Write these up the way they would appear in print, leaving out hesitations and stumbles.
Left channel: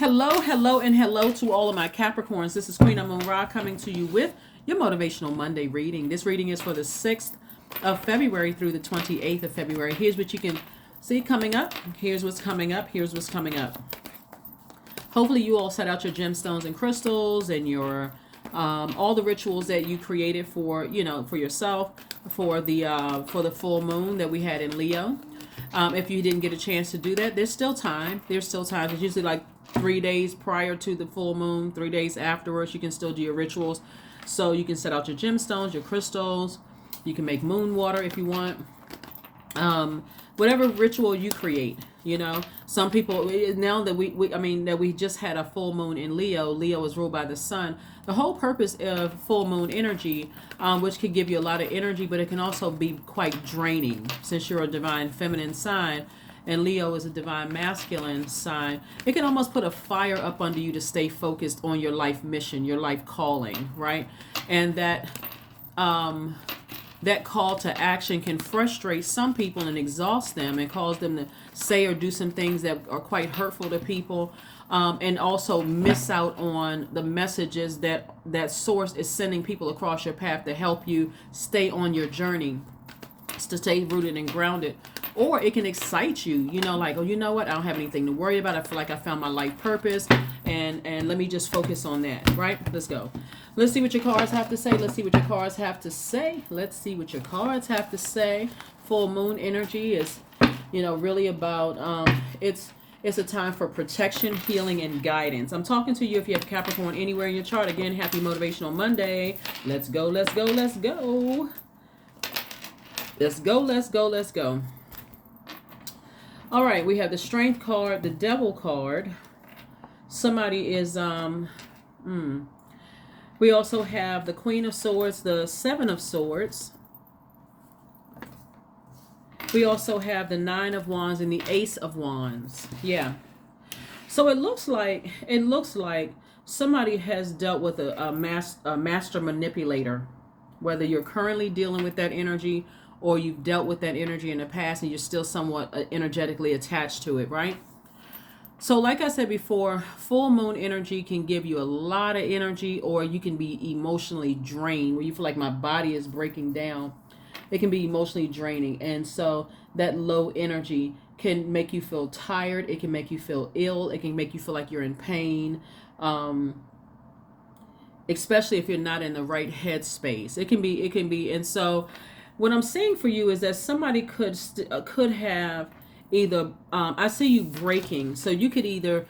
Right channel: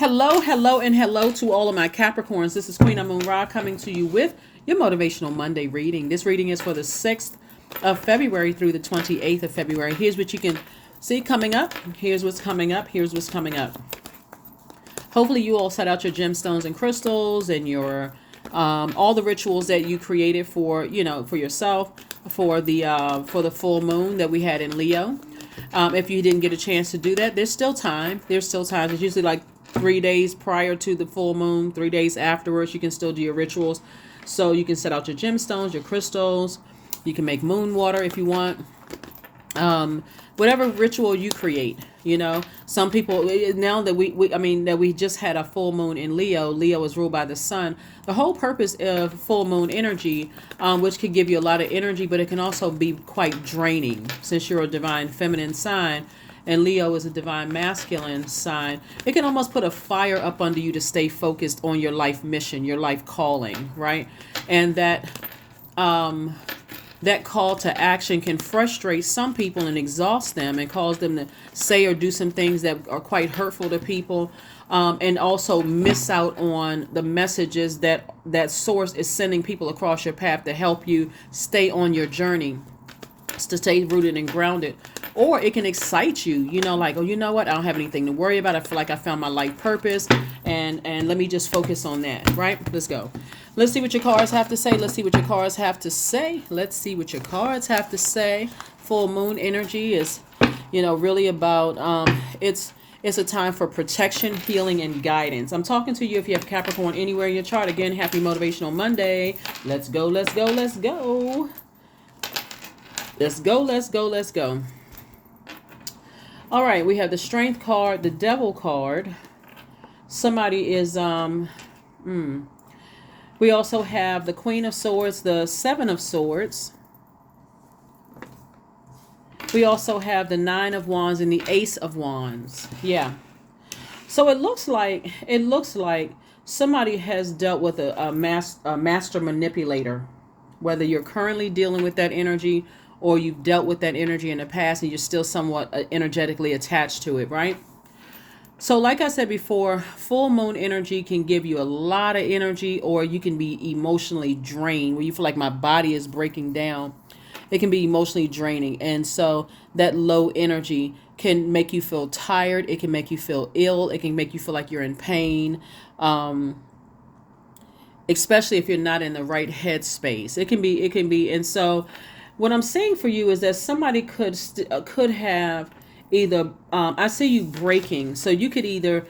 Hello, hello, and hello to all of my Capricorns. This is Queen Amun Ra coming to you with your Motivational Monday reading. This reading is for the 6th of February through the 28th of February. Here's what you can see coming up. Here's what's coming up. Here's what's coming up. Hopefully you all set out your gemstones and crystals and your all the rituals that you created for, for yourself for the full moon that we had in Leo. If you didn't get a chance to do that, there's still time. There's still time. It's usually like 3 days prior to the full moon, 3 days afterwards. You can still do your rituals. So you can set out your gemstones, your crystals. You can make moon water if you want. Whatever ritual you create, some people, now that we just had a full moon in Leo. Leo is ruled by the sun. The whole purpose of full moon energy, which can give you a lot of energy, but it can also be quite draining since you're a divine feminine sign and Leo is a divine masculine sign. It can almost put a fire up under you to stay focused on your life mission, your life calling, right? And that call to action can frustrate some people and exhaust them and cause them to say or do some things that are quite hurtful to people, and also miss out on the messages that source is sending people across your path to help you stay on your journey, to stay rooted and grounded. Or it can excite you, like, oh, you know what? I don't have anything to worry about. I feel like I found my life purpose, and let me just focus on that, right? Let's go. Let's see what your cards have to say. Let's see what your cards have to say. Let's see what your cards have to say. Full moon energy is, really about, it's a time for protection, healing, and guidance. I'm talking to you if you have Capricorn anywhere in your chart. Again, happy Motivational Monday. Let's go, let's go, let's go. Let's go, let's go, let's go. All right, we have the Strength card, the Devil card. Somebody is, we also have the Queen of Swords, the Seven of Swords. We also have the Nine of Wands and the Ace of Wands. Yeah. So it looks like somebody has dealt with a master manipulator, whether you're currently dealing with that energy or you've dealt with that energy in the past and you're still somewhat energetically attached to it, right? So like I said before, full moon energy can give you a lot of energy, or you can be emotionally drained where you feel like my body is breaking down. It can be emotionally draining. And so that low energy can make you feel tired. It can make you feel ill. It can make you feel like you're in pain, especially if you're not in the right headspace. It can be. And so what I'm saying for you is that somebody could have either, I see you breaking. So you could either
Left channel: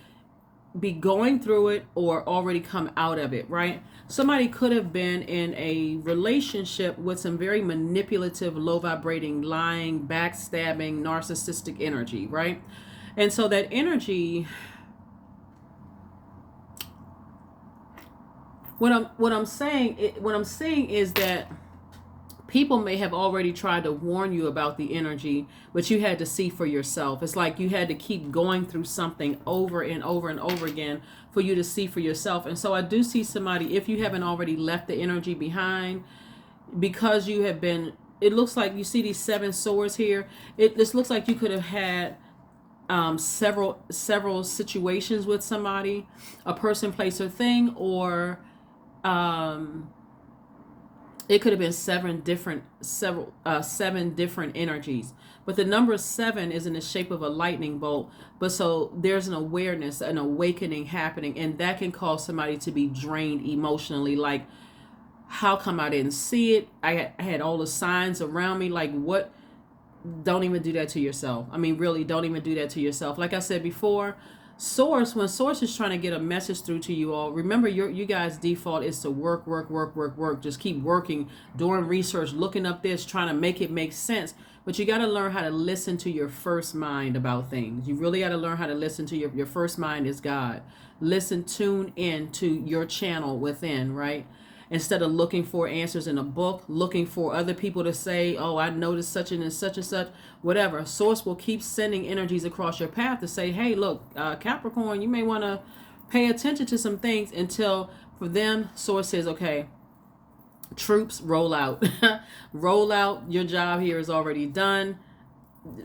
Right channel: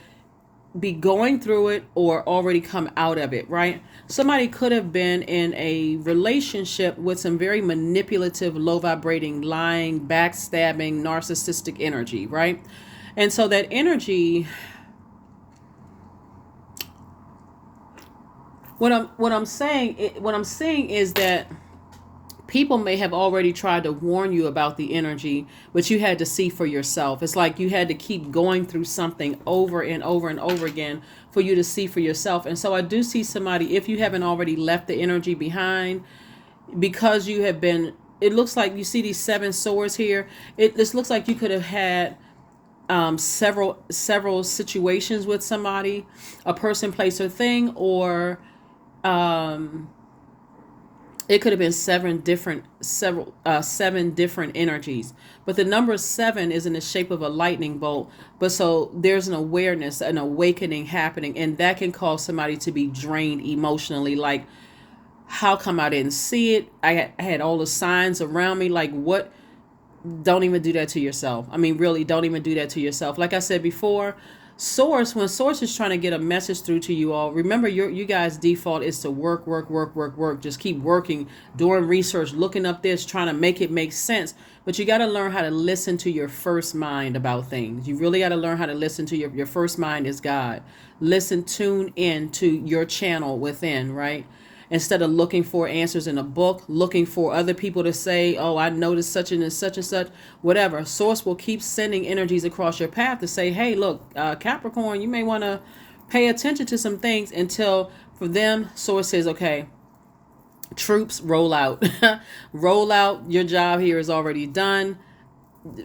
be going through it or already come out of it, right? Somebody could have been in a relationship with some very manipulative, low vibrating, lying, backstabbing, narcissistic energy, right? And so that energy, what I'm saying is that people may have already tried to warn you about the energy, but you had to see for yourself. It's like you had to keep going through something over and over and over again for you to see for yourself. And so I do see somebody, if you haven't already left the energy behind, because you have been, it looks like you see these 7 swords here. This looks like you could have had several situations with somebody, a person, place, or thing, or it could have been 7 different energies. But the number 7 is in the shape of a lightning bolt. But so there's an awareness, an awakening happening, and that can cause somebody to be drained emotionally. Like, how come I didn't see it? I had all the signs around me. Like, what? Don't even do that to yourself. I mean, really, don't even do that to yourself. Like I said before, when source is trying to get a message through to you all, remember you guys' default is to work. Just keep working, doing research, looking up this, trying to make it make sense. But you got to learn how to listen to your first mind about things. You really got to learn how to listen to your first mind is God. Tune in to your channel within, right? Instead of looking for answers in a book, looking for other people to say, oh, I noticed such and such, whatever. Source will keep sending energies across your path to say, hey, look, Capricorn, you may want to pay attention to some things, until for them, Source says, okay, troops, roll out. Roll out. Your job here is already done.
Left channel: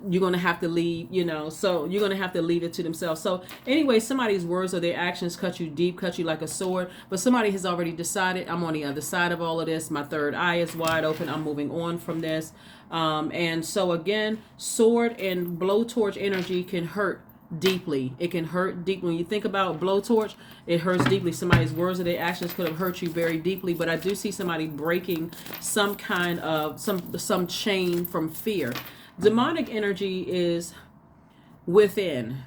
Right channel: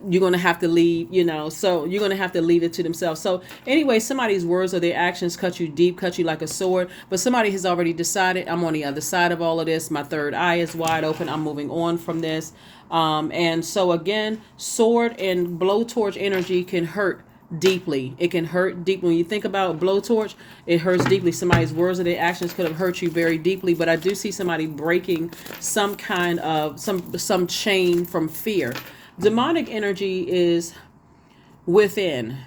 you're going to have to leave, so you're going to have to leave it to themselves. So anyway, somebody's words or their actions cut you deep, cut you like a sword, but somebody has already decided, I'm on the other side of all of this. My third eye is wide open. I'm moving on from this. And so again, sword and blowtorch energy can hurt deeply. It can hurt deeply. When you think about blowtorch, it hurts deeply. Somebody's words or their actions could have hurt you very deeply, but I do see somebody breaking some kind of some chain from fear. Demonic energy is within.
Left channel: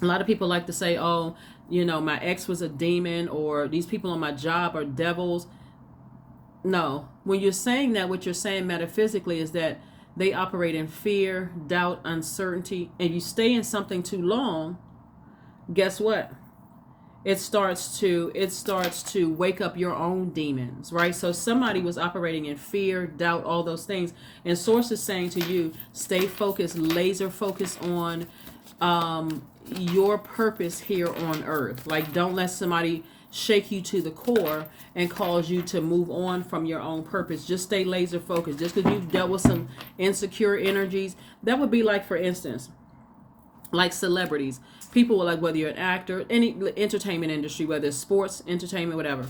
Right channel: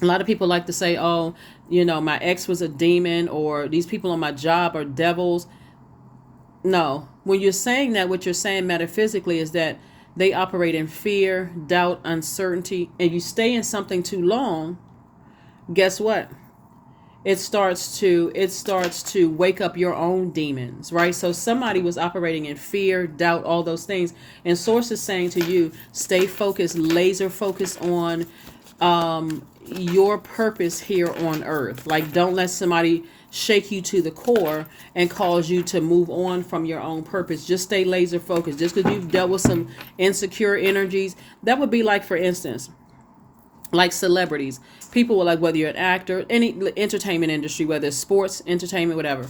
A lot of people like to say, oh, my ex was a demon, or these people on my job are devils. No, when you're saying that, what you're saying metaphysically is that they operate in fear, doubt, uncertainty, and you stay in something too long, guess what? It starts to wake up your own demons, right? So somebody was operating in fear, doubt, all those things. And Source is saying to you, stay focused, laser focused on your purpose here on earth. Like, don't let somebody shake you to the core and cause you to move on from your own purpose. Just stay laser focused. Just because you've dealt with some insecure energies, that would be like, for instance, like celebrities. People will, like, whether you're an actor, any entertainment industry, whether it's sports, entertainment, whatever,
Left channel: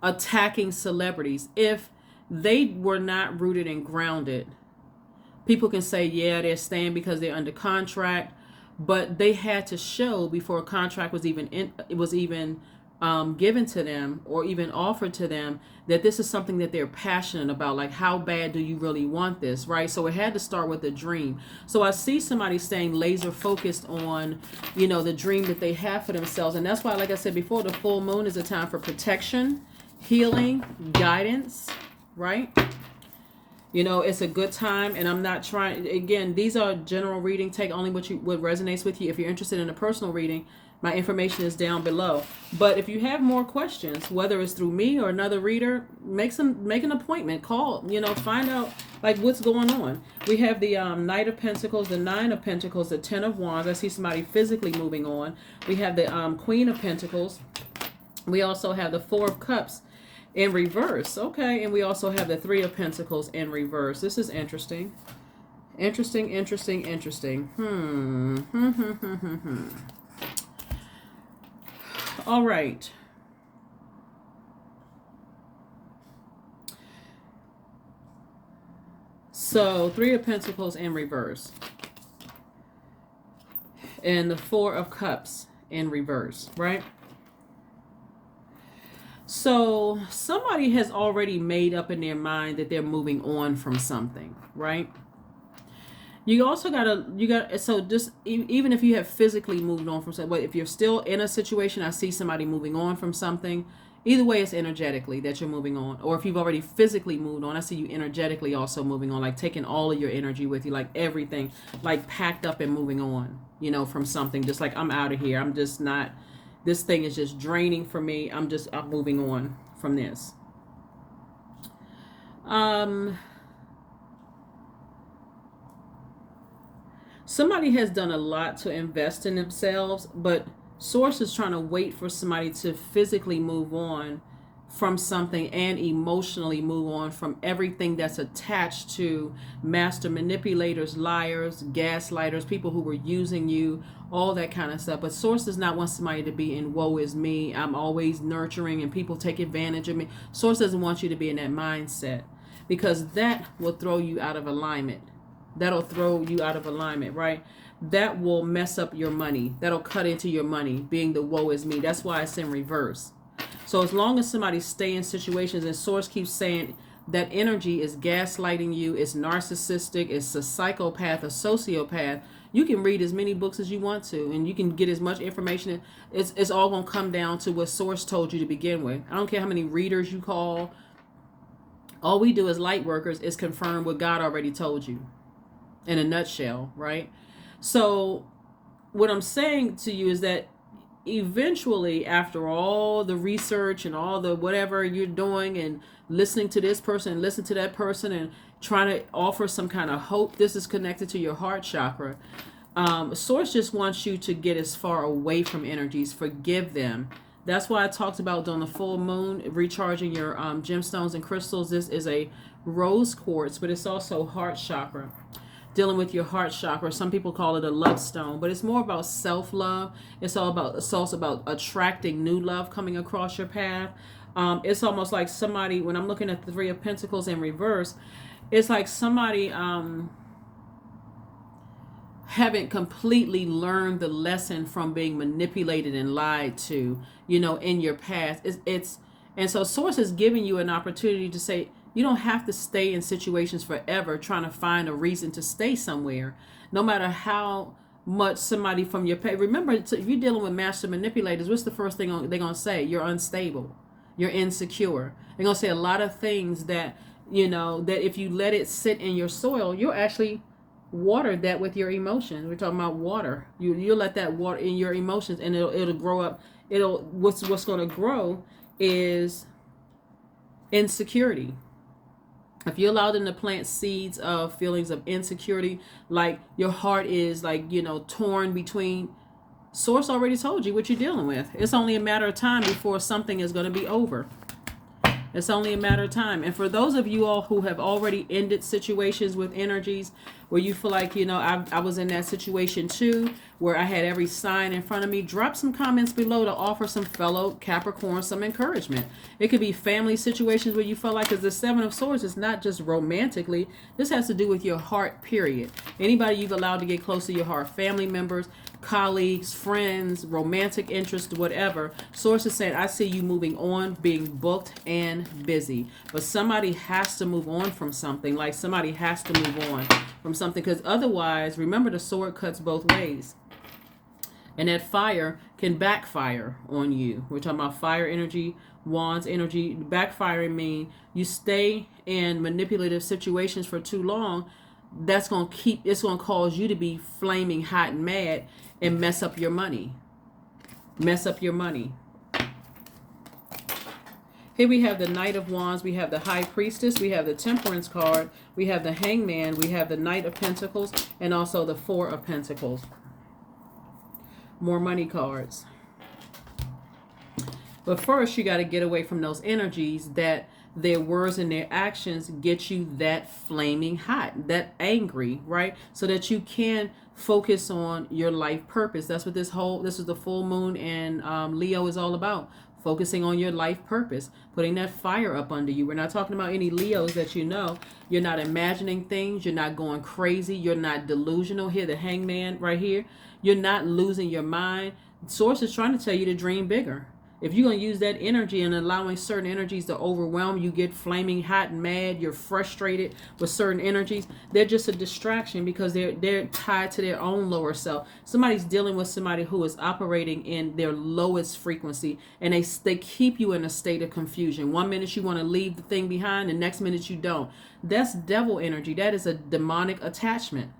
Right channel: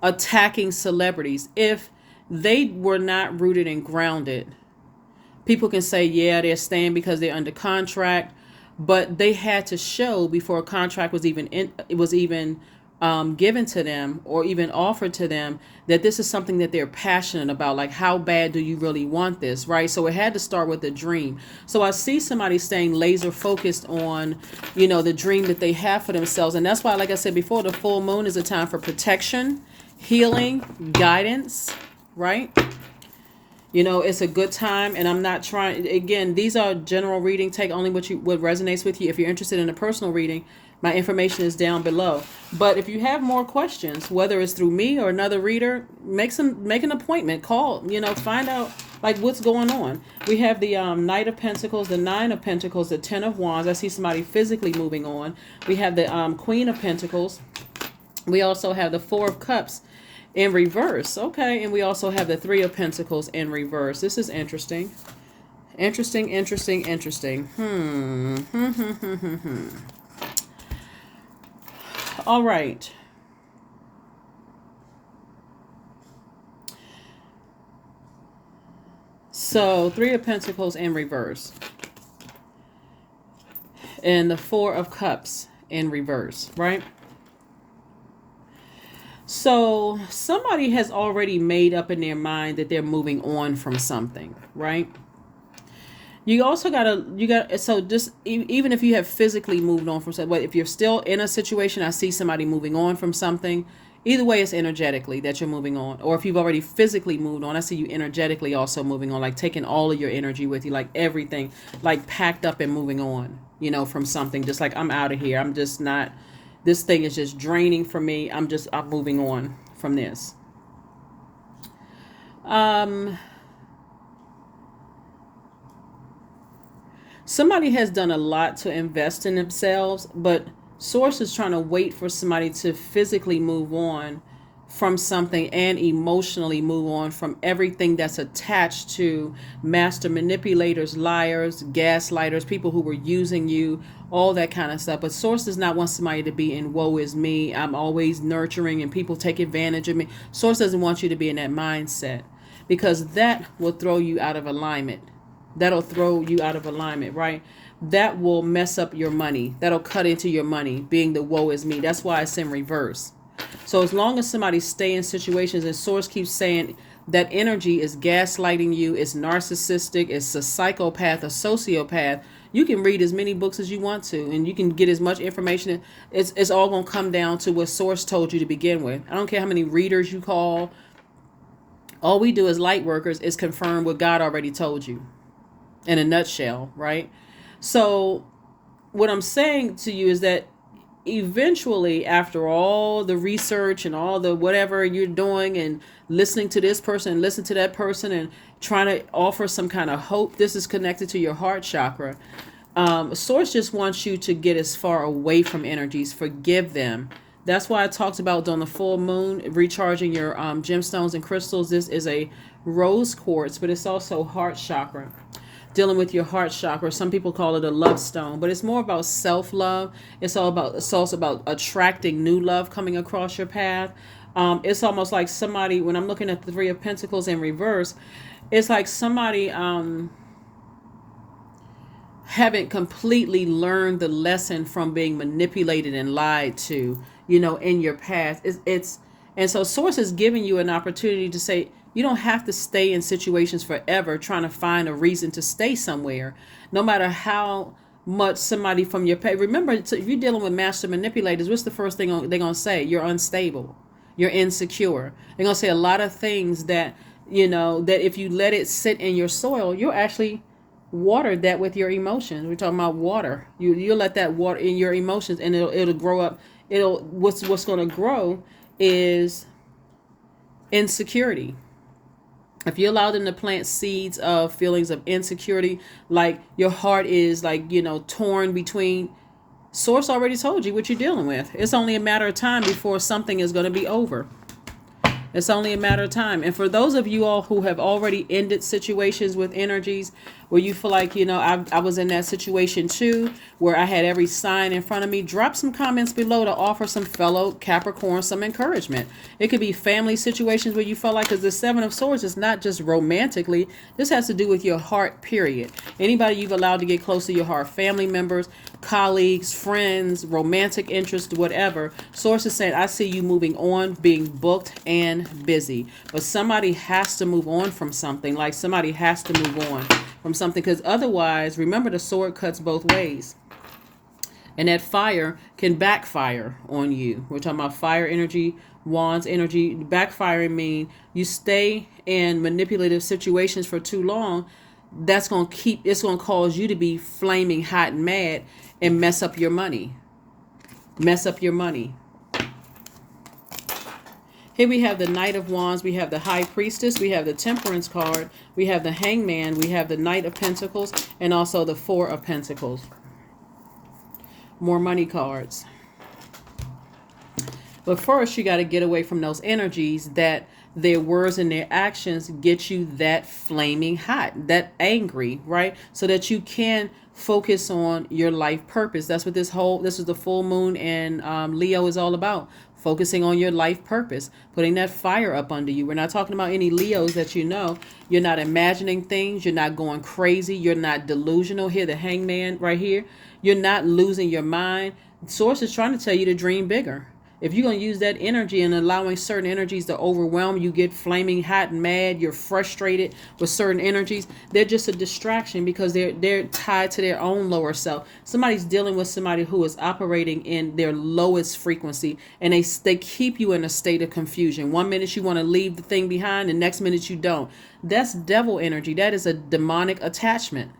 attacking celebrities. If they were not rooted and grounded, people can say, yeah, they're staying because they're under contract, but they had to show before a contract was even given to them or even offered to them that this is something that they're passionate about. Like, how bad do you really want this, right? So it had to start with a dream. So I see somebody staying laser focused on, the dream that they have for themselves. And that's why, like I said before, the full moon is a time for protection, healing, guidance, right? It's a good time, and I'm not trying, again, these are general reading. Take only what resonates with you. If you're interested in a personal reading, my information is down below. But if you have more questions, whether it's through me or another reader, make an appointment. Call, find out like what's going on. We have the Knight of Pentacles, the Nine of Pentacles, the Ten of Wands. I see somebody physically moving on. We have the Queen of Pentacles. We also have the Four of Cups in reverse. Okay, and we also have the Three of Pentacles in reverse. This is interesting. Interesting. All right. So Three of Pentacles in reverse. And the Four of Cups in reverse, right? So somebody has already made up in their mind that they're moving on from something, right? You also so just even if you have physically moved on from something, if you're still in a situation, I see somebody moving on from something. Either way, it's energetically that you're moving on. Or if you've already physically moved on, I see you energetically also moving on, like taking all of your energy with you, like everything, like packed up and moving on, from something. Just like, I'm out of here. I'm just not, this thing is just draining for me. I'm moving on from this. Somebody has done a lot to invest in themselves, but Source is trying to wait for somebody to physically move on from something and emotionally move on from everything that's attached to master manipulators, liars, gaslighters, people who were using you, all that kind of stuff. But Source does not want somebody to be in woe is me, I'm always nurturing and people take advantage of me. Source doesn't want you to be in that mindset, because that will throw you out of alignment. That'll throw you out of alignment, right? That will mess up your money. That'll cut into your money, being the woe is me. That's why it's in reverse. So as long as somebody stay in situations, and Source keeps saying that energy is gaslighting you, it's narcissistic, it's a psychopath, a sociopath, you can read as many books as you want to, and you can get as much information. It's all going to come down to what Source told you to begin with. I don't care how many readers you call. All we do as light workers is confirm what God already told you. In a nutshell, right? So what I'm saying to you is that eventually, after all the research and all the whatever you're doing and listening to this person and listen to that person and trying to offer some kind of hope, this is connected to your heart chakra. Source just wants you to get as far away from energies, forgive them. That's why I talked about on the full moon, recharging your gemstones and crystals. This is a rose quartz, but it's also heart chakra. dealing with your heart chakra. Some people call it a love stone, but it's more about self-love. It's also about attracting new love coming across your path. It's almost like somebody, when I'm looking at the Three of Pentacles in reverse, it's like somebody haven't completely learned the lesson from being manipulated and lied to, in your past. And so Source is giving you an opportunity to say, you don't have to stay in situations forever trying to find a reason to stay somewhere, no matter how much somebody from your past. Remember, if you're dealing with master manipulators, what's the first thing they're going to say? You're unstable. You're insecure. They're going to say a lot of things that, that if you let it sit in your soil, you'll actually water that with your emotions. We're talking about water. You let that water in your emotions, and it'll grow up. What's going to grow is insecurity. If you allow them to plant seeds of feelings of insecurity, like your heart is like, torn between, Source already told you what you're dealing with. It's only a matter of time before something is going to be over. It's only a matter of time. And for those of you all who have already ended situations with energies where you feel like, I was in that situation too, where I had every sign in front of me, drop some comments below to offer some fellow Capricorn some encouragement. It could be family situations where you felt like, because the Seven of Swords is not just romantically. This has to do with your heart, period. Anybody you've allowed to get close to your heart, family members, colleagues, friends, romantic interest, whatever. Source is saying, I see you moving on, being booked and busy. But somebody has to move on from something. Like somebody has to move on from something, because otherwise, remember, the sword cuts both ways. And that fire can backfire on you. We're talking about fire energy, wands energy. Backfiring mean you stay in manipulative situations for too long. It's going to cause you to be flaming hot and mad and mess up your money. Mess up your money. Here we have the Knight of Wands, we have the High Priestess, we have the Temperance card, we have the Hangman, we have the Knight of Pentacles, and also the Four of Pentacles. More money cards. But first, you got to get away from those energies that their words and their actions get you that flaming hot, that angry, right? So that you can focus on your life purpose. That's what this is the full moon and Leo is all about. Focusing on your life purpose, putting that fire up under you. We're not talking about any Leos that you're not imagining things, you're not going crazy, you're not delusional. Here, the Hangman right here, you're not losing your mind. Source is trying to tell you to dream bigger. If you're going to use that energy and allowing certain energies to overwhelm you, get flaming hot and mad, you're frustrated with certain energies, they're just a distraction because they're tied to their own lower self. Somebody's dealing with somebody who is operating in their lowest frequency, and they keep you in a state of confusion. One minute you want to leave the thing behind, the next minute you don't. That's devil energy. That is a demonic attachment.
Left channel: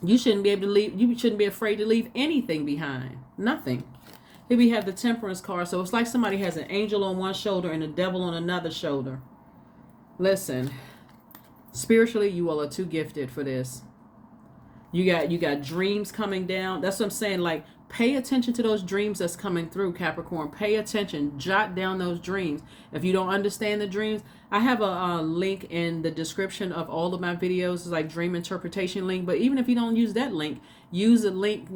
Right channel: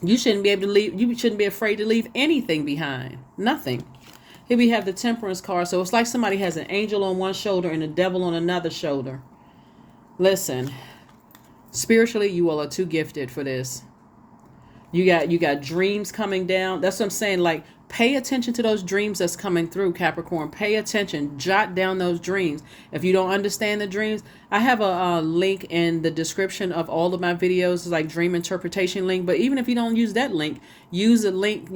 You shouldn't be able to leave. You shouldn't be afraid to leave anything behind. Nothing. Here we have the Temperance card. So it's like somebody has an angel on one shoulder and a devil on another shoulder. Listen, spiritually, you all are too gifted for this. You got dreams coming down. That's what I'm saying. Like, pay attention to those dreams that's coming through, Capricorn. Pay attention. Jot down those dreams. If you don't understand the dreams, I have a link in the description of all of my videos. It's like dream interpretation link. But even if you don't use that link, use a link,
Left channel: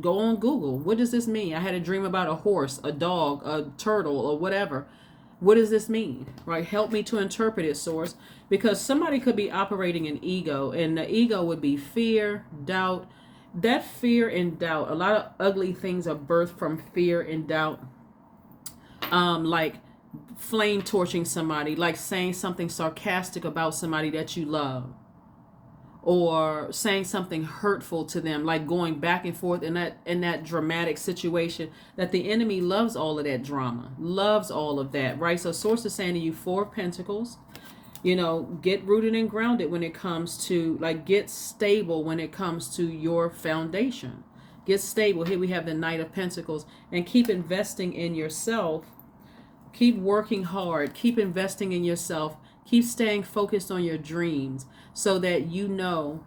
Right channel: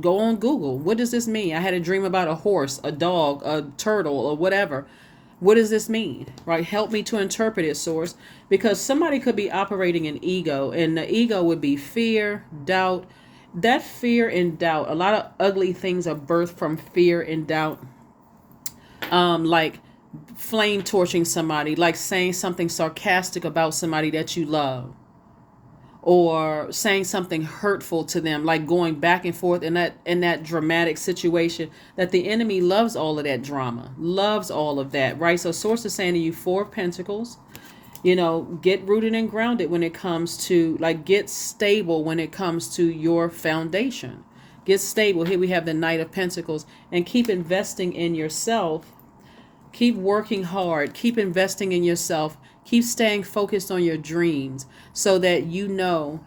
go on Google. What does this mean? I had a dream about a horse, a dog, a turtle, or whatever. What does this mean? Right? Help me to interpret it, Source. Because somebody could be operating an ego, and the ego would be fear, doubt. That fear and doubt, a lot of ugly things are birthed from fear and doubt. Like flame torching somebody, like saying something sarcastic about somebody that you love, or saying something hurtful to them, like going back and forth in that dramatic situation. That the enemy loves all of that drama, loves all of that, right? So Source is saying to you, Four of Pentacles, get rooted and grounded when it comes to, like, get stable when it comes to your foundation. Get stable. Here we have the Knight of Pentacles, and keep investing in yourself. Keep working hard. Keep investing in yourself. Keep staying focused on your dreams so that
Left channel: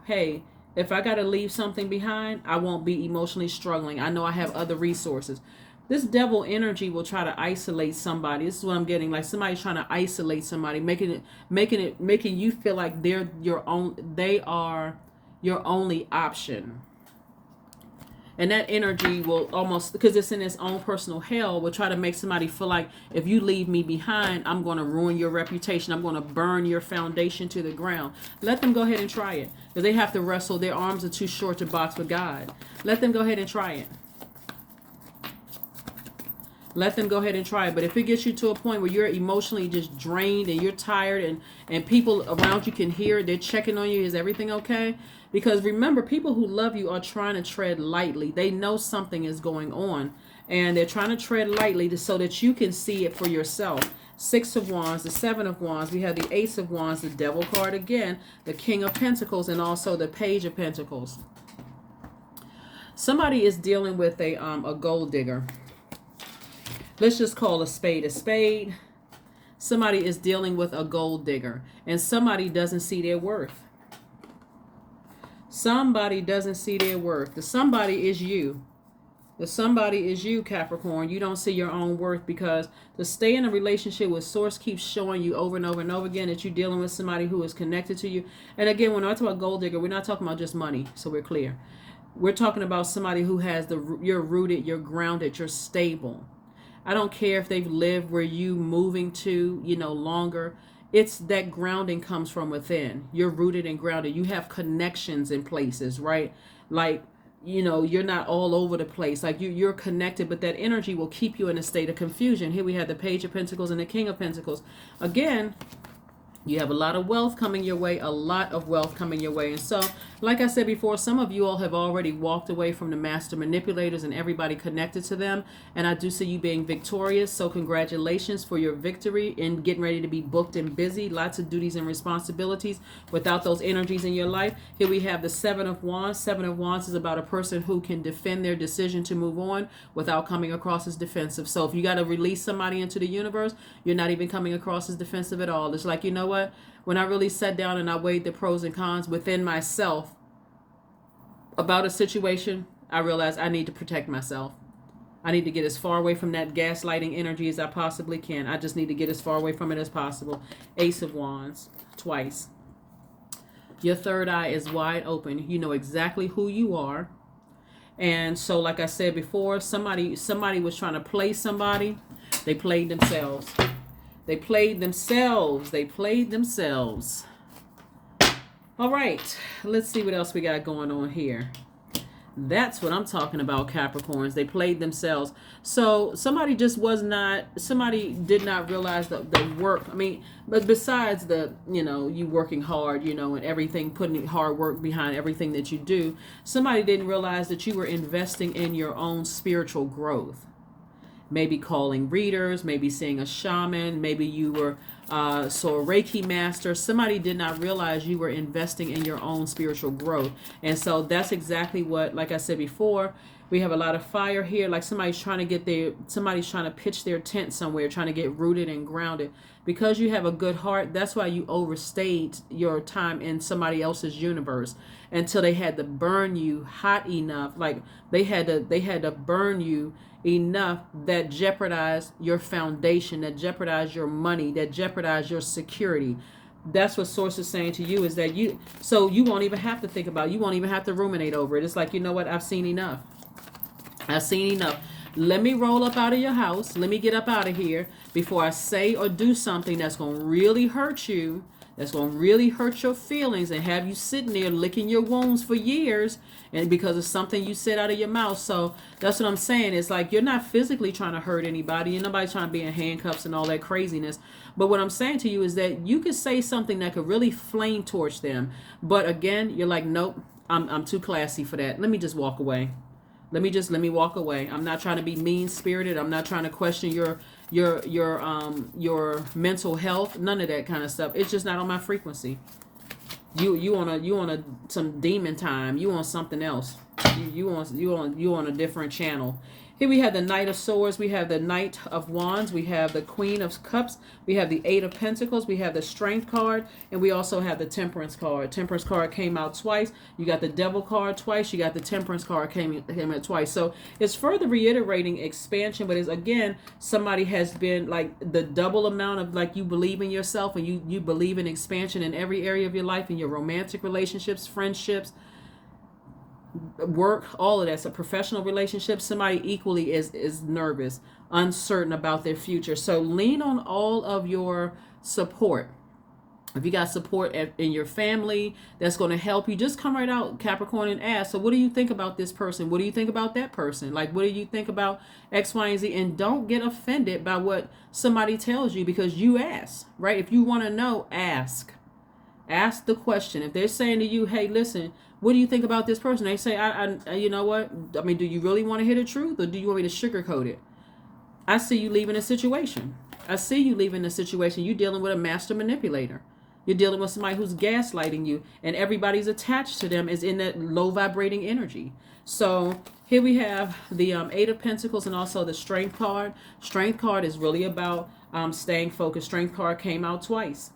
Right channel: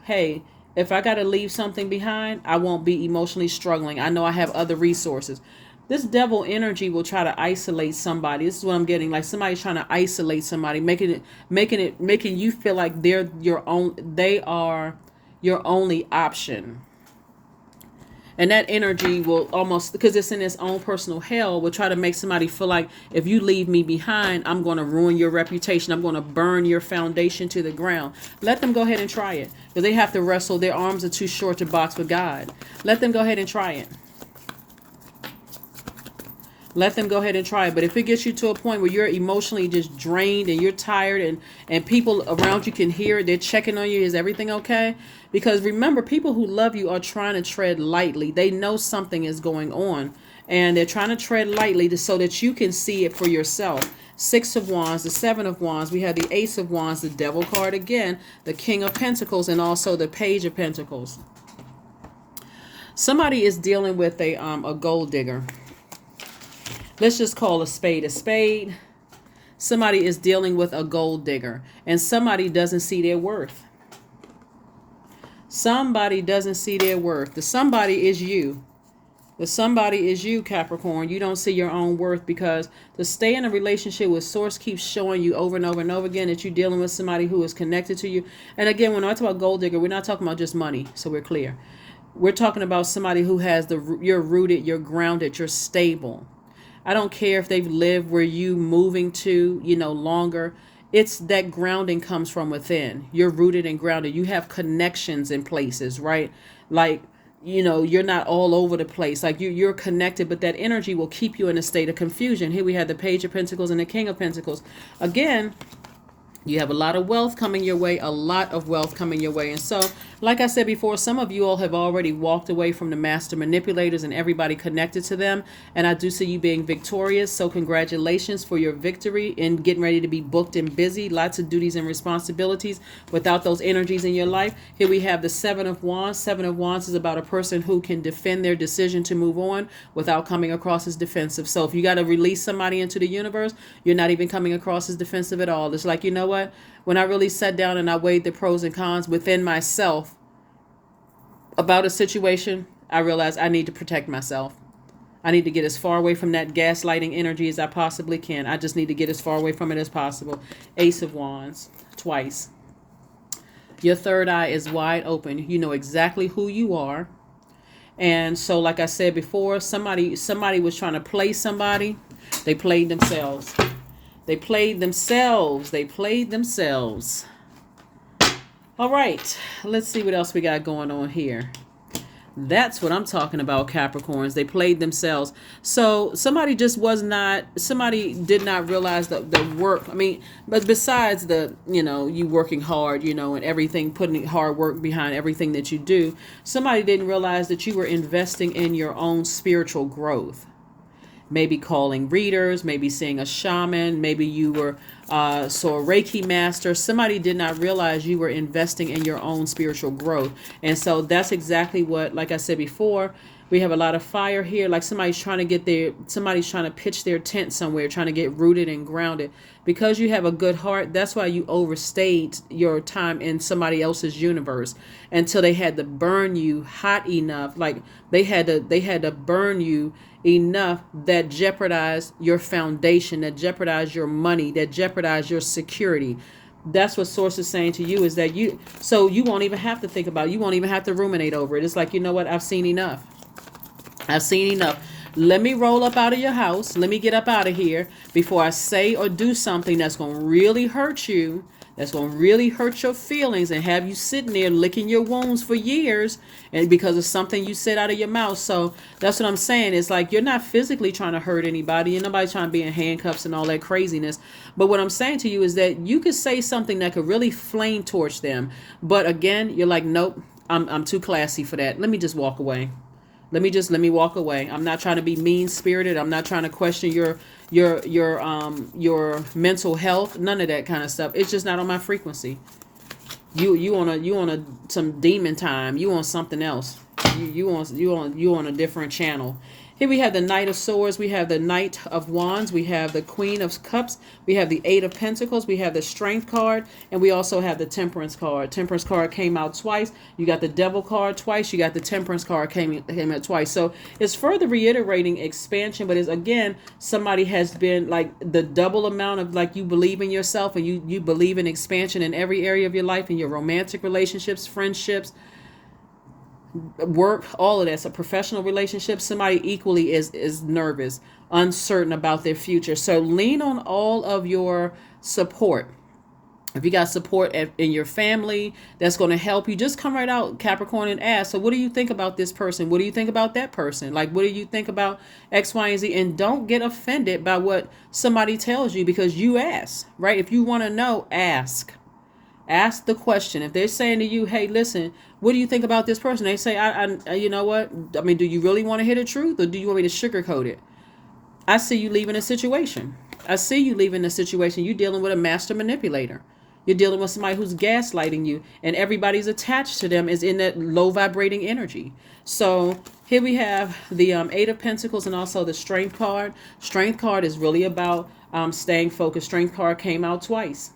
hey, if I got to leave something behind, I won't be emotionally struggling. I know I have other resources. This devil energy will try to isolate somebody. This is what I'm getting. Like somebody's trying to isolate somebody, making you feel like they're your own. They are your only option. And that energy will almost, because it's in its own personal hell, will try to make somebody feel like if you leave me behind, I'm going to ruin your reputation. I'm going to burn your foundation to the ground. Let them go ahead and try it, because they have to wrestle. Their arms are too short to box with God. Let them go ahead and try it. Let them go ahead and try it. But if it gets you to a point where you're emotionally just drained and you're tired, and people around you can hear it, they're checking on you, is everything okay? Because remember, people who love you are trying to tread lightly. They know something is going on, and they're trying to tread lightly so that you can see it for yourself. Six of Wands, the Seven of Wands, we have the Ace of Wands, the Devil card again, the King of Pentacles, and also the Page of Pentacles. Somebody is dealing with a gold digger. Let's just call a spade a spade. Somebody is dealing with a gold digger, and somebody doesn't see their worth. Somebody doesn't see their worth. The somebody is you. The somebody is you, Capricorn. You don't see your own worth, because to stay in a relationship with Source keeps showing you over and over and over again that you're dealing with somebody who is connected to you. And again, when I talk about gold digger, we're not talking about just money, so we're clear. We're talking about somebody who has you're rooted, you're grounded, you're stable. I don't care if they've lived where you moving to, longer. It's that grounding comes from within. You're rooted and grounded. You have connections in places, right? Like, you're not all over the place. Like you're connected, but that energy will keep you in a state of confusion. Here we have the Page of Pentacles and the King of Pentacles. Again, you have a lot of wealth coming your way, a lot of wealth coming your way. And so, like I said before, some of you all have already walked away from the master manipulators and everybody connected to them. And I do see you being victorious. So congratulations for your victory and getting ready to be booked and busy. Lots of duties and responsibilities without those energies in your life. Here we have the Seven of Wands. Seven of Wands is about a person who can defend their decision to move on without coming across as defensive. So if you got to release somebody into the universe, you're not even coming across as defensive at all. It's like, you know what? When I really sat down and I weighed the pros and cons within myself about a situation, I realized I need to protect myself. I need to get as far away from that gaslighting energy as I possibly can. I just need to get as far away from it as possible. Ace of Wands, twice. Your third eye is wide open. You know exactly who you are. And so, like I said before, somebody was trying to play somebody. They played themselves. They played themselves. They played themselves. All right. Let's see what else we got going on here. That's what I'm talking about, Capricorns. They played themselves. So somebody did not realize the work. I mean, but besides you working hard, and everything, putting hard work behind everything that you do, somebody didn't realize that you were investing in your own spiritual growth. Maybe calling readers, maybe seeing a shaman, maybe you were a Reiki master. Somebody did not realize you were investing in your own spiritual growth. And so that's exactly what, like I said before, we have a lot of fire here. Like somebody's trying to pitch their tent somewhere, trying to get rooted and grounded. Because you have a good heart, that's why you overstayed your time in somebody else's universe until they had to burn you hot enough. Like they had to burn you enough that jeopardized your foundation, that jeopardized your money, that jeopardized your security. That's what Source is saying to you, is that you won't even have to think about it. You won't even have to ruminate over it. It's like, you know what? I've seen enough. I've seen enough. Let me roll up out of your house. Let me get up out of here before I say or do something that's going to really hurt you, that's going to really hurt your feelings and have you sitting there licking your wounds for years, and because of something you said out of your mouth. So that's what I'm saying. It's like you're not physically trying to hurt anybody, and nobody's trying to be in handcuffs and all that craziness. But what I'm saying to you is that you could say something that could really flame torch them. But again, you're like, nope, I'm too classy for that. Let me just walk away. Let me walk away. I'm not trying to be mean spirited. I'm not trying to question your mental health. None of that kind of stuff. It's just not on my frequency. You on some demon time. You on something else. You on a different channel. Here we have the Knight of Swords, we have the Knight of Wands, we have the Queen of Cups, we have the Eight of Pentacles, we have the Strength card, and we also have the Temperance card. Temperance card came out twice. You got the Devil card twice. You got the Temperance card came out twice. So it's further reiterating expansion, but it's again, somebody has been like the double amount of like you believe in yourself and you believe in expansion in every area of your life, in your romantic relationships, friendships, work, all of that. So professional relationships, somebody equally is nervous, uncertain about their future. So lean on all of your support. If you got support in your family that's going to help you, just come right out, Capricorn, and ask, so what do you think about this person? What do you think about that person? Like, what do you think about X, Y, and Z? And don't get offended by what somebody tells you, because you ask, right? If you want to know, ask. Ask the question. If they're saying to you, hey, listen, what do you think about this person? They say, I you know what? I mean, do you really want to hear the truth, or do you want me to sugarcoat it? I see you leaving a situation. I see you leaving a situation. You're dealing with a master manipulator. You're dealing with somebody who's gaslighting you, and everybody's attached to them is in that low vibrating energy. So here we have the Eight of Pentacles and also the Strength card. Strength card is really about staying focused. Strength card came out twice.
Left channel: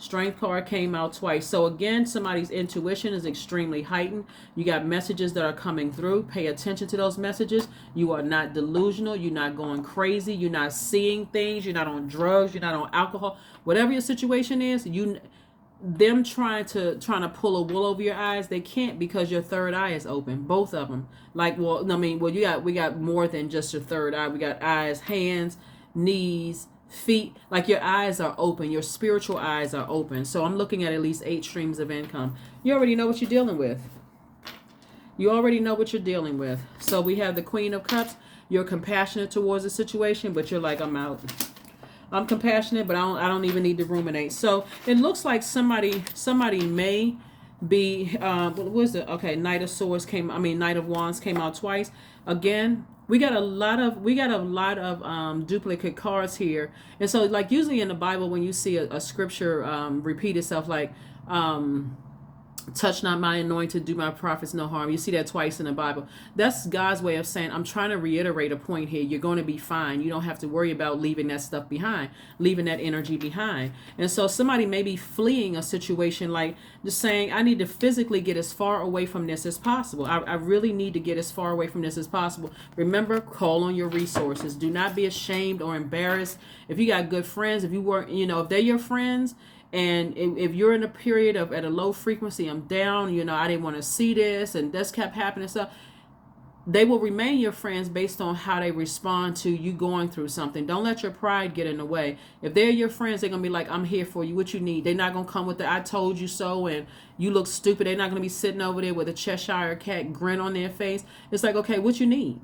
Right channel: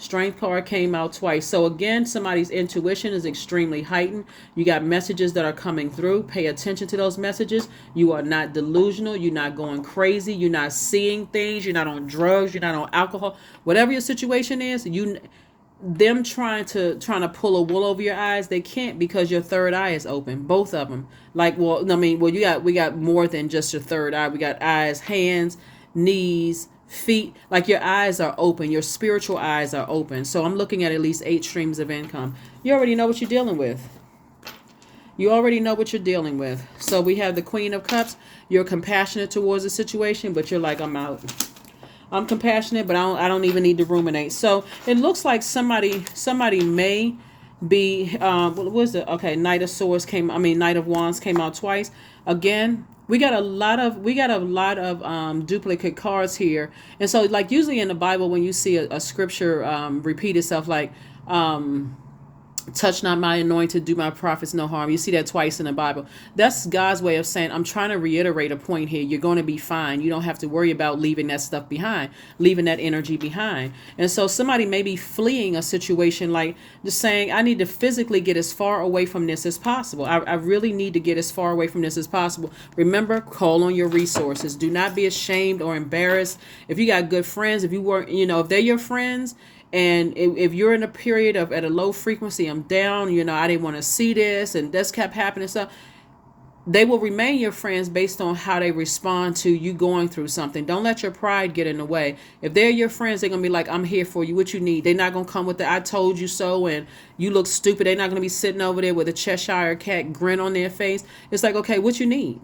Strength card came out twice. So again, somebody's intuition is extremely heightened. You got messages that are coming through. Pay attention to those messages. You are not delusional. You're not going crazy. You're not seeing things. You're not on drugs. You're not on alcohol. Whatever your situation is, them trying to pull a wool over your eyes, they can't, because your third eye is open. Both of them. Like, we got more than just your third eye. We got eyes, hands, knees, feet. Like, your eyes are open, your spiritual eyes are open. So I'm looking at least 8 streams of income. You already know what you're dealing with. So we have the Queen of Cups. You're compassionate towards the situation, but you're like, I'm out. I'm compassionate, but I don't even need to ruminate. So it looks like somebody may be what was it? Okay, Knight of Wands came out twice. Again, we got a lot of duplicate cards here. And so, like, usually in the Bible, when you see a scripture repeat itself, like touch not my anointed, do my prophets no harm. You see that twice in the Bible. That's God's way of saying, I'm trying to reiterate a point here. You're going to be fine. You don't have to worry about leaving that stuff behind, leaving that energy behind. And so somebody may be fleeing a situation, like just saying, I need to physically get as far away from this as possible. I really need to get as far away from this as possible. Remember, call on your resources. Do not be ashamed or embarrassed. If you got good friends, if if they're your friends, and if you're in a period of at a low frequency, I'm down, I didn't want to see this, and this kept happening, stuff, they will remain your friends based on how they respond to you going through something. Don't let your pride get in the way. If they're your friends, they're going to be like, I'm here for you. What you need. They're not going to come with the I told you so and you look stupid. They're not going to be sitting over there with a Cheshire cat grin on their face. It's like, okay, what you need?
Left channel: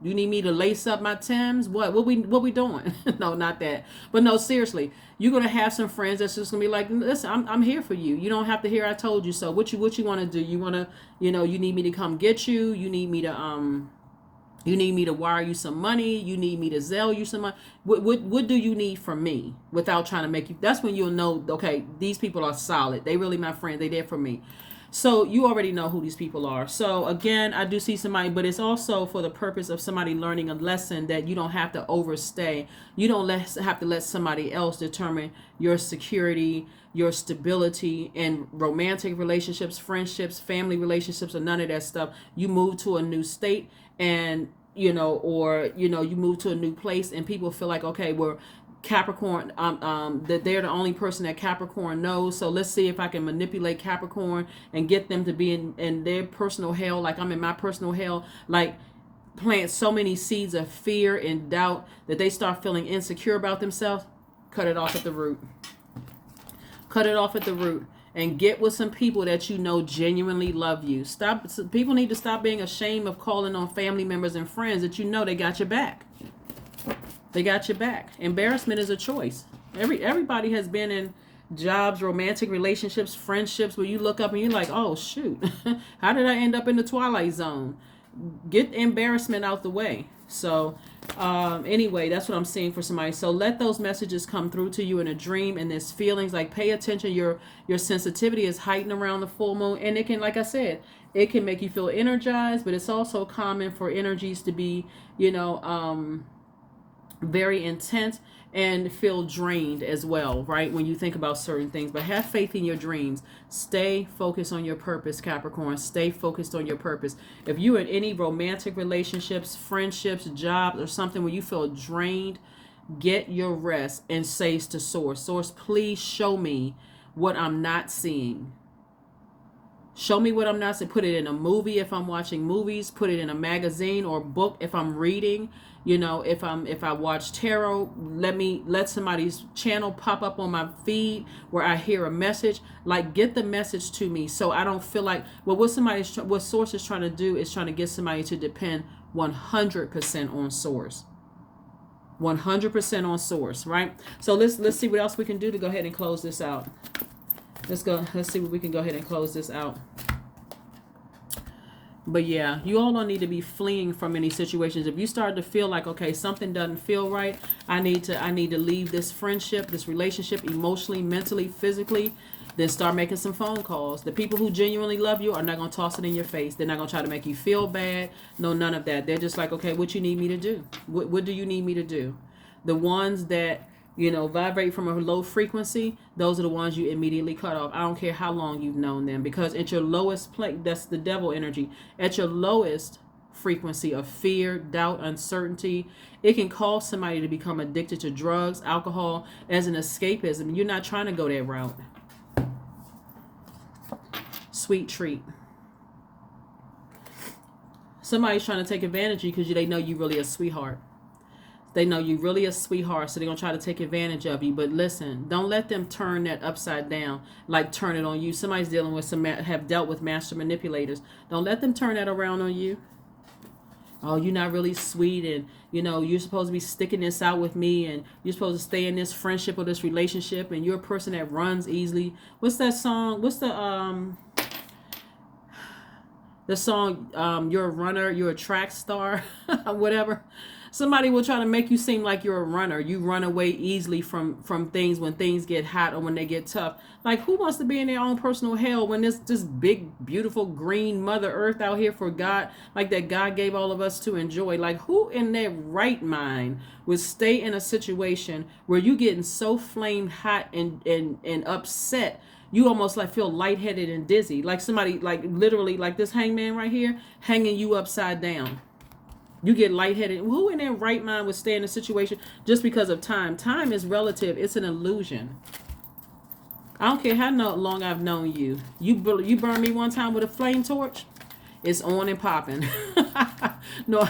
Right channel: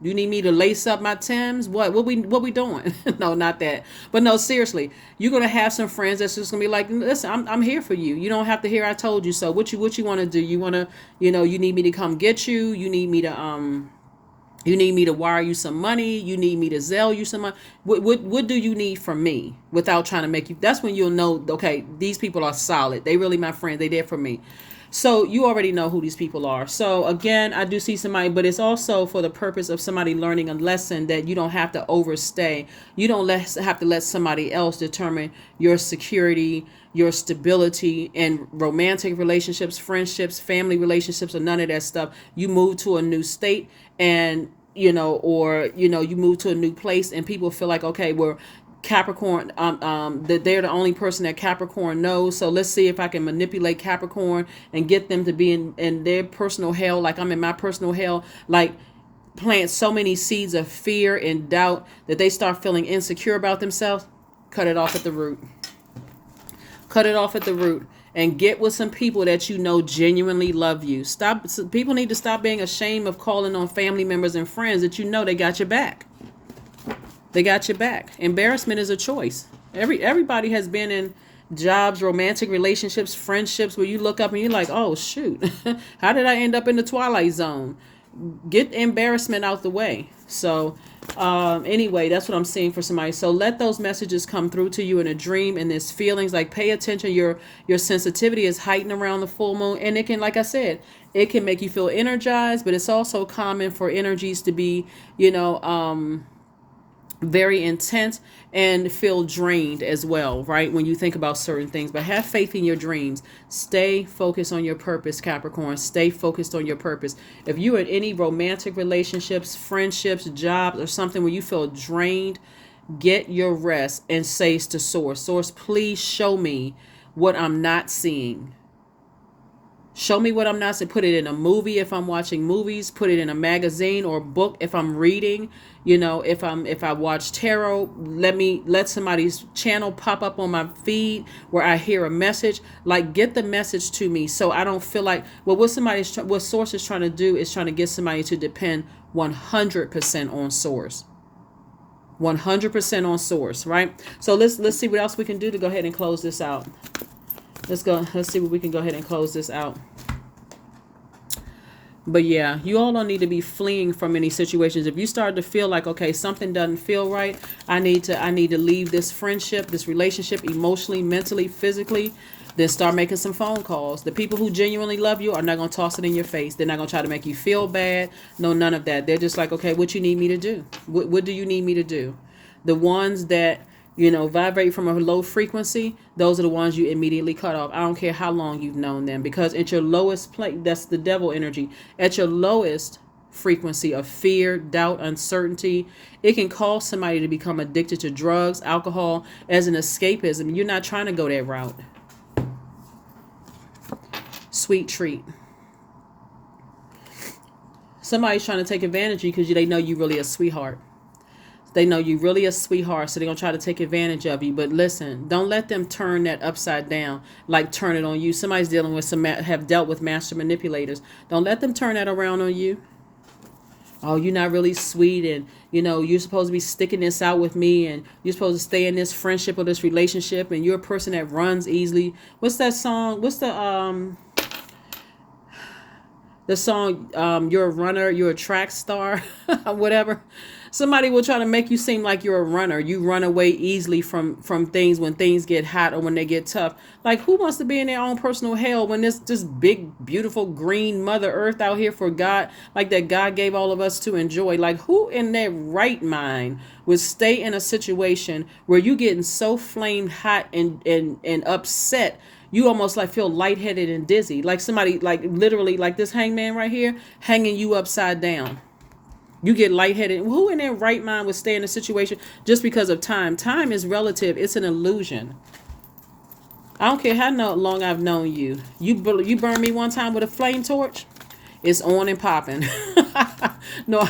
You need me to lace up my Timbs? What we doing? No, not that. But no, seriously, you're gonna have some friends that's just gonna be like, listen, I'm here for you. You don't have to hear I told you so. What you want to do? You want to, you need me to come get you. You need me to wire you some money. You need me to Zelle you some money. What do you need from me without trying to make you? That's when you'll know. Okay, these people are solid. They really my friend. They there for me. So you already know who these people are. So again, I do see somebody, but it's also for the purpose of somebody learning a lesson that you don't have to overstay. You don't have to let somebody else determine your security, your stability in romantic relationships, friendships, family relationships, or none of that stuff. You move to a new state and, you move to a new place and people feel like, okay, we're Capricorn, that they're the only person that Capricorn knows. So let's see if I can manipulate Capricorn and get them to be in their personal hell, like I'm in my personal hell, like plant so many seeds of fear and doubt that they start feeling insecure about themselves. Cut it off at the root. And get with some people that genuinely love you. People need to stop being ashamed of calling on family members and friends that they got your back. They got your back. Embarrassment is a choice. Everybody has been in jobs, romantic relationships, friendships where you look up and you're like, oh, shoot, how did I end up in the twilight zone? Get embarrassment out the way. So anyway, that's what I'm seeing for somebody. So let those messages come through to you in a dream, and there's feelings like pay attention. Your sensitivity is heightened around the full moon, and it can, like I said, It can make you feel energized, but it's also common for energies to be, you know, very intense and feel drained as well, right? When you think about certain things, but have faith in your dreams. Stay focused on your purpose, Capricorn. Stay focused on your purpose. If you're in any romantic relationships, friendships, jobs, or something where you feel drained, get your rest and say to Source, Source, please show me what I'm not seeing. Show me what I'm not seeing. Put it in a movie if I'm watching movies. Put it in a magazine or book if I'm reading. You know, if I watch tarot, let somebody's channel pop up on my feed where I hear a message. Like, get the message to me so I don't feel like, well, what Source is trying to do is trying to get somebody to depend 100% on Source. 100% on Source, right? So let's see what else we can do to go ahead and close this out. Let's see what we can go ahead and close this out. But yeah, you all don't need to be fleeing from any situations. If you start to feel like, okay, something doesn't feel right, I need to leave this friendship, this relationship, emotionally, mentally, physically, then start making some phone calls. The people who genuinely love you are not going to toss it in your face. They're not going to try to make you feel bad. No, none of that. They're just like, okay, what you need me to do? What do you need me to do? The ones that, you know, vibrate from a low frequency, those are the ones you immediately cut off. I don't care how long you've known them, because at your lowest place, that's the devil energy. At your lowest frequency of fear, doubt, uncertainty, it can cause somebody to become addicted to drugs, alcohol as an escapism. You're not trying to go that route. Sweet treat. Somebody's trying to take advantage of you because they know you really a sweetheart. They know you really a sweetheart, so they're going to try to take advantage of you. But listen, don't let them turn that upside down, like turn it on you. Somebody's dealing with have dealt with master manipulators. Don't let them turn that around on you. Oh, you're not really sweet, and, you know, you're supposed to be sticking this out with me, and you're supposed to stay in this friendship or this relationship, and you're a person that runs easily. What's that song? What's the song, you're a runner, you're a track star, whatever. Somebody will try to make you seem like you're a runner. You run away easily from things when things get hot or when they get tough. Like, who wants to be in their own personal hell when there's this big, beautiful green Mother Earth out here for God, like that God gave all of us to enjoy? Like, who in their right mind would stay in a situation where you getting so flamed hot and upset, you almost like feel lightheaded and dizzy, like somebody, like literally like this hangman right here, hanging you upside down. You get lightheaded. Who in their right mind would stay in a situation just because of time? Time is relative. It's an illusion. I don't care how long I've known you. You burned me one time with a flame torch. It's on and popping. No,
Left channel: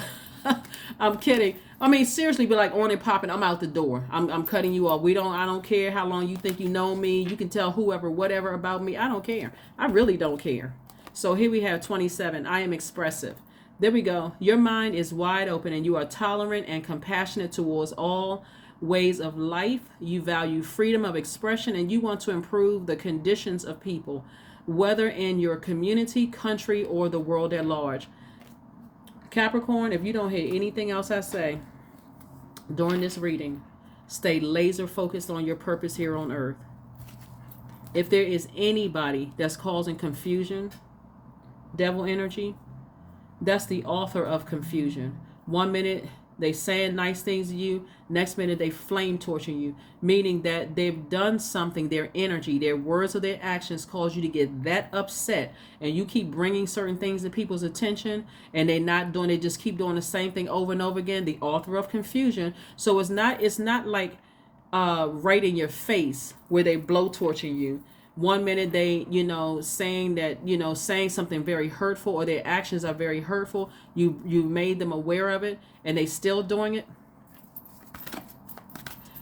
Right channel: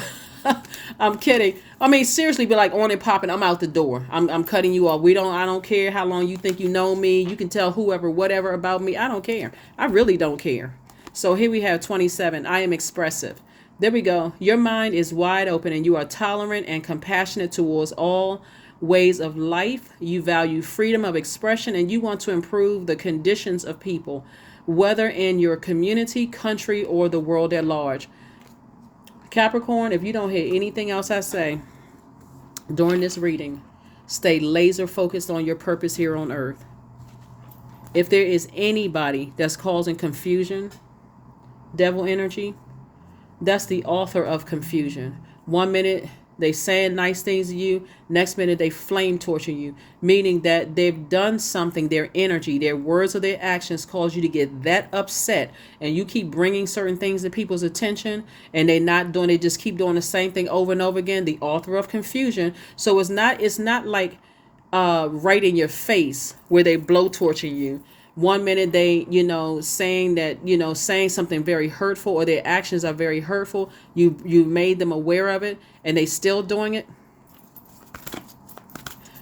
I'm kidding. I mean, seriously, be like on and popping. I'm out the door. I'm cutting you off. I don't care how long you think you know me. You can tell whoever, whatever about me. I don't care. I really don't care. So here we have 27. I am expressive. There we go. Your mind is wide open and you are tolerant and compassionate towards all ways of life. You value freedom of expression and you want to improve the conditions of people, whether in your community, country, or the world at large. Capricorn, if you don't hear anything else I say during this reading, stay laser focused on your purpose here on earth. If there is anybody that's causing confusion, devil energy, that's the author of confusion. 1 minute they saying nice things to you, next minute they flame torture you, meaning that they've done something, their energy, their words or their actions cause you to get that upset, and you keep bringing certain things to people's attention and they just keep doing the same thing over and over again. The author of confusion. So it's not like right in your face where they blow torture you. 1 minute they, saying something very hurtful, or their actions are very hurtful. You made them aware of it and they still doing it.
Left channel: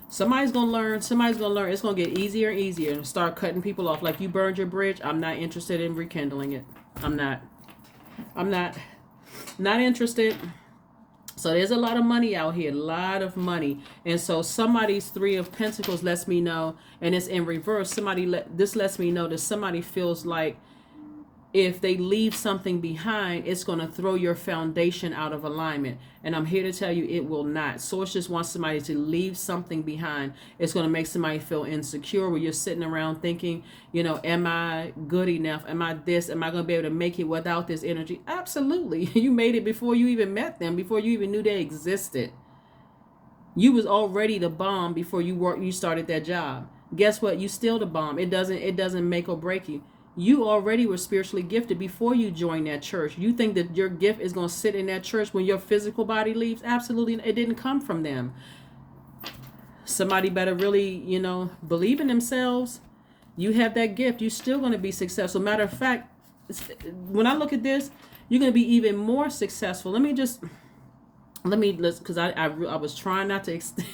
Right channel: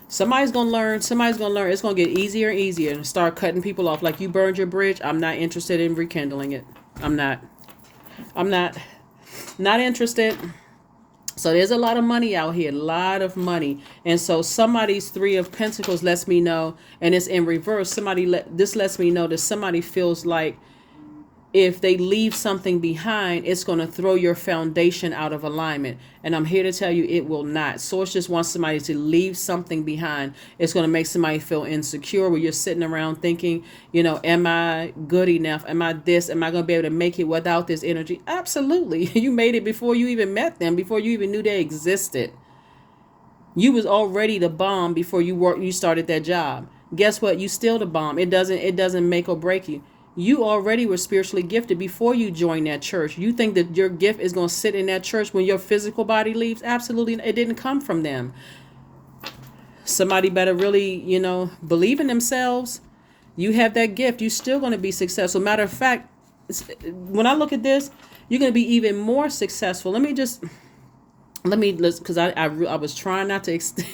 Somebody's going to learn. It's going to get easier and easier and start cutting people off. Like, you burned your bridge. I'm not interested in rekindling it. I'm not interested. So there's a lot of money out here, a lot of money. And so somebody's 3 of Pentacles lets me know, and it's in reverse. This lets me know that somebody feels like if they leave something behind, it's going to throw your foundation out of alignment. And I'm here to tell you it will not. Source just wants somebody to leave something behind. It's going to make somebody feel insecure where you're sitting around thinking, am I good enough? Am I this? Am I going to be able to make it without this energy? Absolutely. You made it before you even met them, before you even knew they existed. You was already the bomb before you started that job. Guess what? You still the bomb. It doesn't make or break you. You already were spiritually gifted before you joined that church. You think that your gift is going to sit in that church when your physical body leaves? Absolutely. It didn't come from them. Somebody better really, believe in themselves. You have that gift. You're still going to be successful. Matter of fact, when I look at this, you're going to be even more successful. Because I was trying not to extend.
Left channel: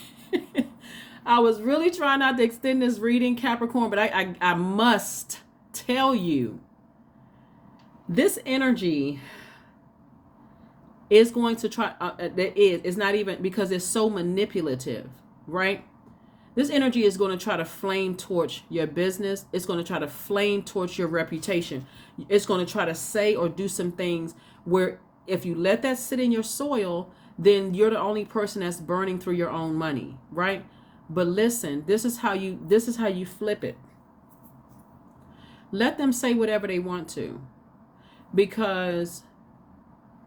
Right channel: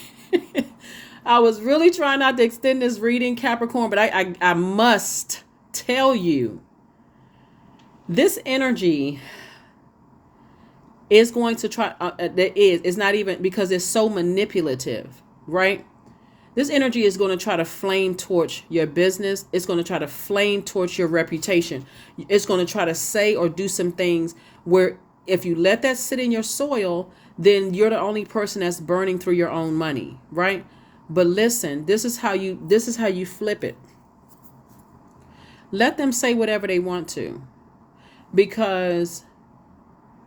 I was really trying not to extend this reading, Capricorn, but I must tell you, this energy is going to try, it's not even, because it's so manipulative, right? This energy is going to try to flame torch your business. It's going to try to flame torch your reputation. It's going to try to say or do some things where if you let that sit in your soil, then you're the only person that's burning through your own money, right? But listen, this is how you flip it. Let them say whatever they want to, because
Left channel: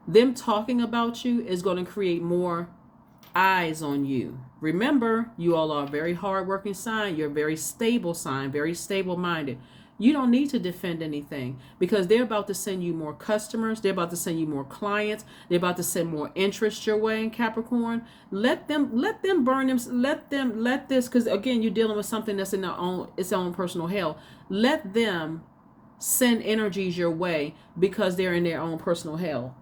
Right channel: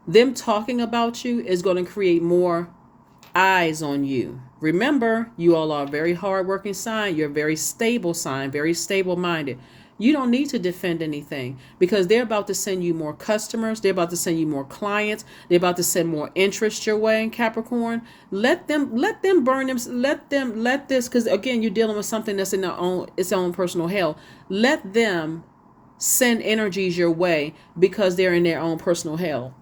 them talking about you is going to create more eyes on you. Remember, you all are a very hardworking sign. You're a very stable sign, very stable minded. You don't need to defend anything, because they're about to send you more customers. They're about to send you more clients. They're about to send more interest your way, Capricorn. Let them burn them. Let this, because again, you're dealing with something that's in its own personal hell. Let them send energies your way because they're in their own personal hell.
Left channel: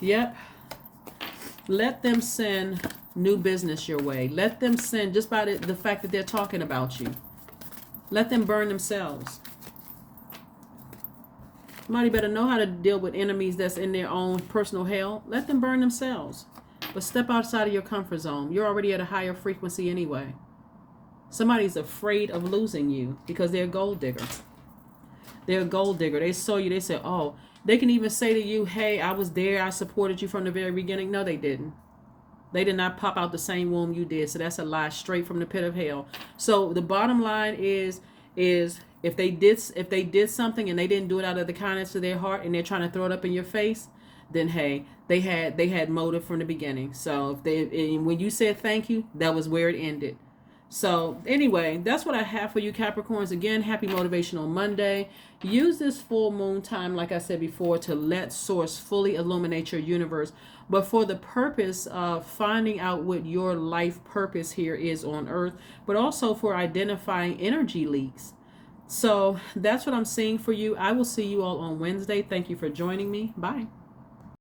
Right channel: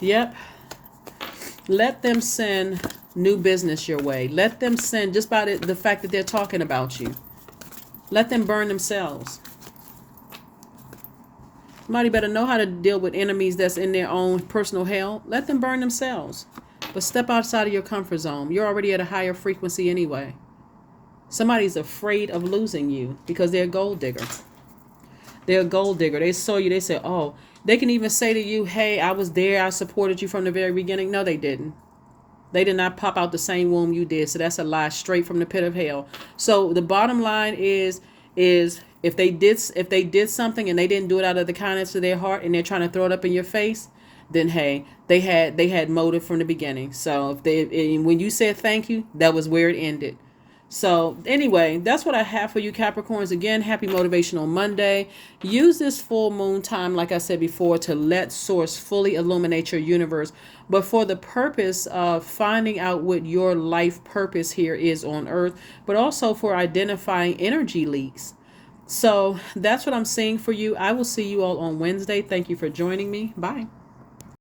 Yep. Let them send new business your way. Let them send, just by the fact that they're talking about you. Let them burn themselves. Somebody better know how to deal with enemies that's in their own personal hell. Let them burn themselves. But step outside of your comfort zone. You're already at a higher frequency anyway. Somebody's afraid of losing you because they're a gold digger. They're a gold digger. They saw you. They said, oh, they can even say to you, hey, I was there. I supported you from the very beginning. No, they didn't. They did not pop out the same womb you did. So that's a lie straight from the pit of hell. So the bottom line is if they did something and they didn't do it out of the kindness of their heart and they're trying to throw it up in your face, then hey, they had motive from the beginning. So when you said thank you, that was where it ended. So anyway, that's what I have for you, Capricorns. Again, happy Motivational Monday. Use this full moon time, like I said before, to let Source fully illuminate your universe, but for the purpose of finding out what your life purpose here is on Earth, but also for identifying energy leaks. So that's what I'm saying for you. I will see you all on Wednesday. Thank you for joining me. Bye.